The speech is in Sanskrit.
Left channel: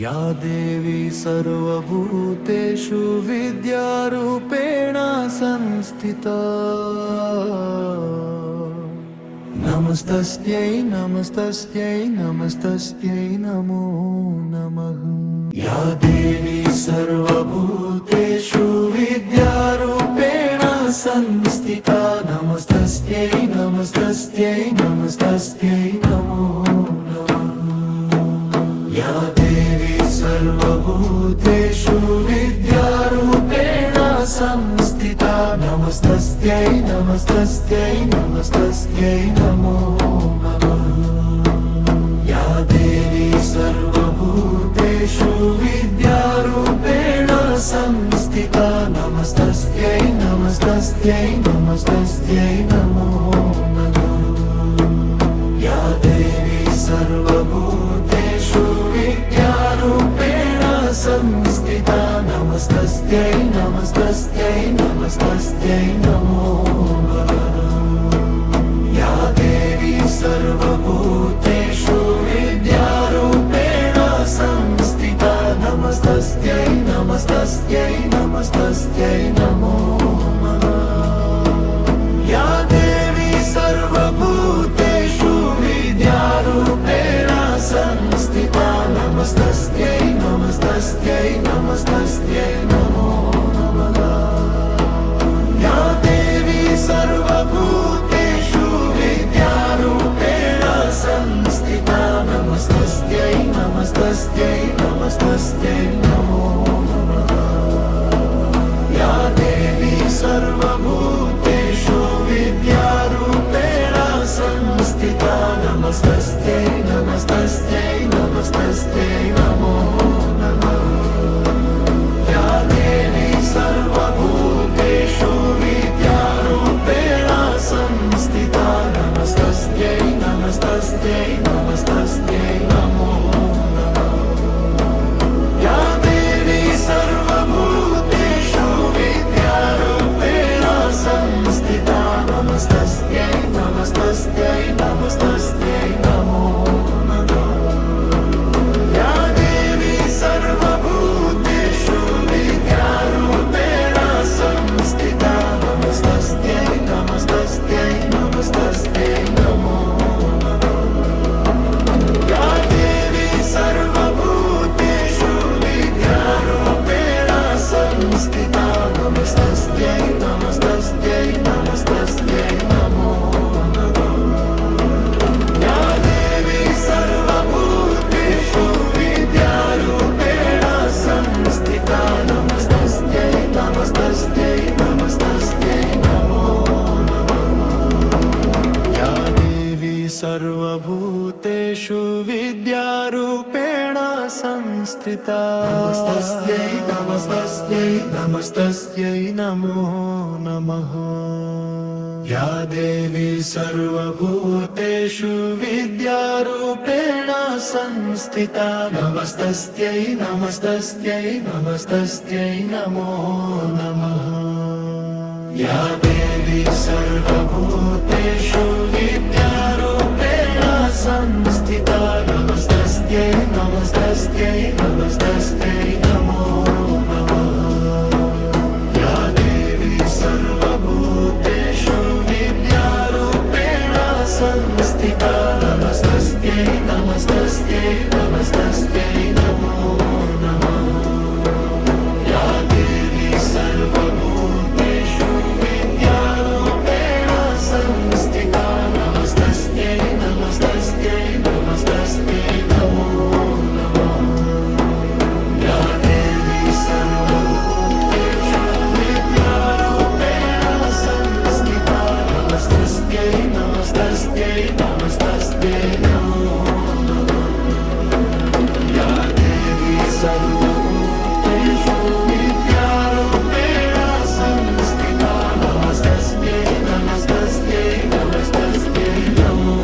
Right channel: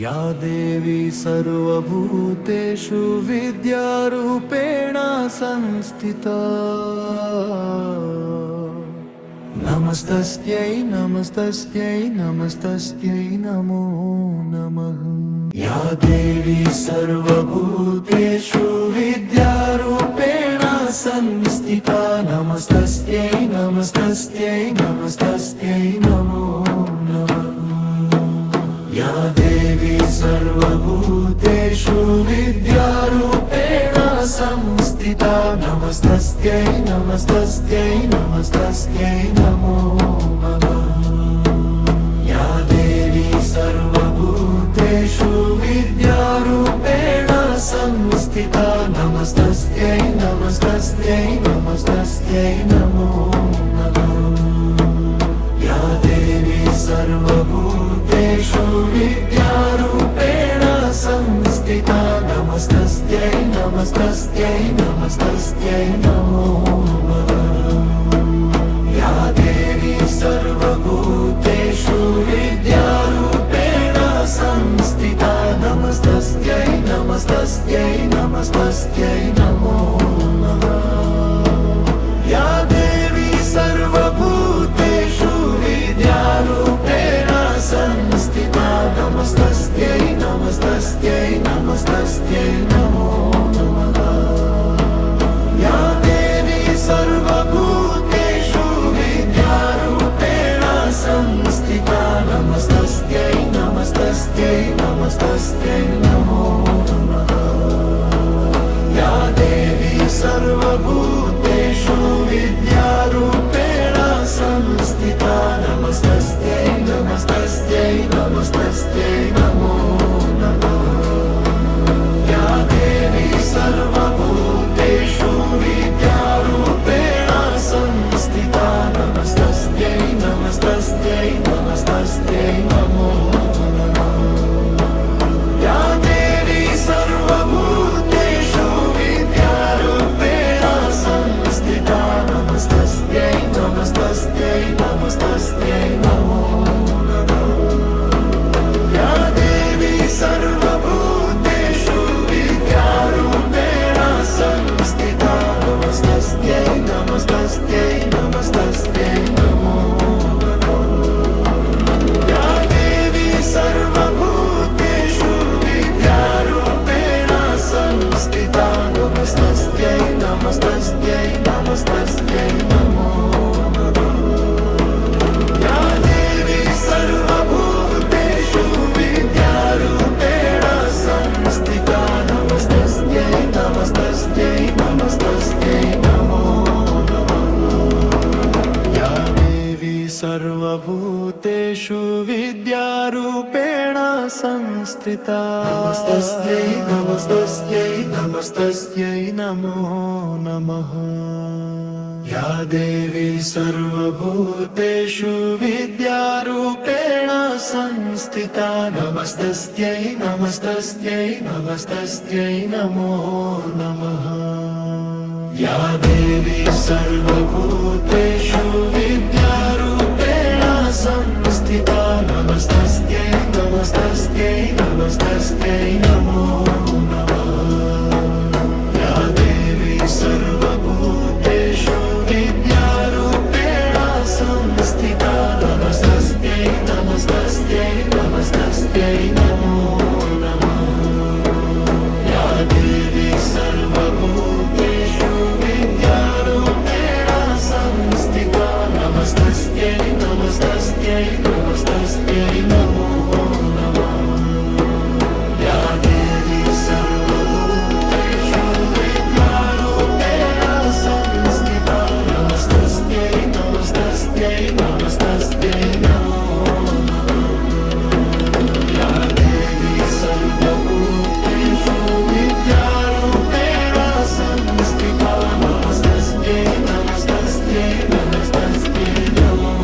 या देवी सर्वभूतेषु विद्यारूपेण संस्थिता नमस्तस्यै नमस्तस्यै नमस्तस्यै नमो नमः। या देवी सर्वभूतेषु विद्यारूपेण संस्थिता नमस्तस्यै नमस्तस्यै नमस्तस्यै नमो नमः। या देवी सर्वभूतेषु विद्यारूपेण संस्थिता नमस्तस्यै नमस्तस्यै नमस्तस्यै नमो नमः। या देवी सर्वभूतेषु विद्यारूपेण संस्थिता नमस्तस्यै नमस्तस्यै नमस्तस्यै नमो नमः। या देवी सर्वभूतेषु विद्यारूपेण संस्थिता नमस्तस्यै नमस्तस्यै नमस्तस्यै नमो नमः। या देवी सर्वभूतेषु विद्यारूपेण संस्थिता नमस्तस्यै नमस्तस्यै नमस्तस्यै नमो नमः। या देवी सर्वभूतेषु विद्यारूपेण संस्थिता नमस्तस्यै नमस्तस्यै नमस्तस्यै नमो नमः। या देवी सर्वभूतेषु विद्यारूपेण संस्थिता नमस्तस्यै नमस्तस्यै नमस्तस्यै नमो नमः। या देवी सर्वभूतेषु विद्यारूपेण संस्थिता नमस्तस्यै नमस्तस्यै नमस्तस्यै नमो नमः। या देवी सर्वभूतेषु विद्यारूपेण संस्थिता नमस्तस्यै नमस्तस्यै नमस्तस्यै नमो नमः। या देवी सर्वभूतेषु विद्यारूपेण संस्थिता नमस्तस्यै नमस्तस्यै नमस्तस्यै नमो नमः। या देवी सर्वभूतेषु विद्यारूपेण संस्थिता नमस्तस्यै नमस्तस्यै नमस्तस्यै नमो नमः। या देवी सर्वभूतेषु विद्यारूपेण संस्थिता नमस्तस्यै नमस्तस्यै नमस्तस्यै नमो नमः। या देवी सर्वभूतेषु विद्यारूपेण संस्थिता नमस्तस्यै नमस्तस्यै नमस्तस्यै नमो नमः। या देवी सर्वभूतेषु विद्यारूपेण संस्थिता नमस्तस्यै नमस्तस्यै नमस्तस्यै नमो नमः। या देवी सर्वभूतेषु विद्यारूपेण संस्थिता नमस्तस्यै नमस्तस्यै नमस्तस्यै नमो नमः। या देवी सर्वभूतेषु विद्यारूपेण संस्थिता नमस्तस्यै नमस्तस्यै नमस्तस्यै नमो नमः। या देवी सर्वभूतेषु विद्यारूपेण संस्थिता नमस्तस्यै नमस्तस्यै नमस्तस्यै नमो नमः। या देवी सर्वभूतेषु विद्यारूपेण संस्थिता नमस्तस्यै नमस्तस्यै नमस्तस्यै नमो नमः। या देवी सर्वभूतेषु विद्यारूपेण संस्थिता नमस्तस्यै नमस्तस्यै नमस्तस्यै नमो नमः। या देवी सर्वभूतेषु विद्यारूपेण संस्थिता नमस्तस्यै नमस्तस्यै नमस्तस्यै नमो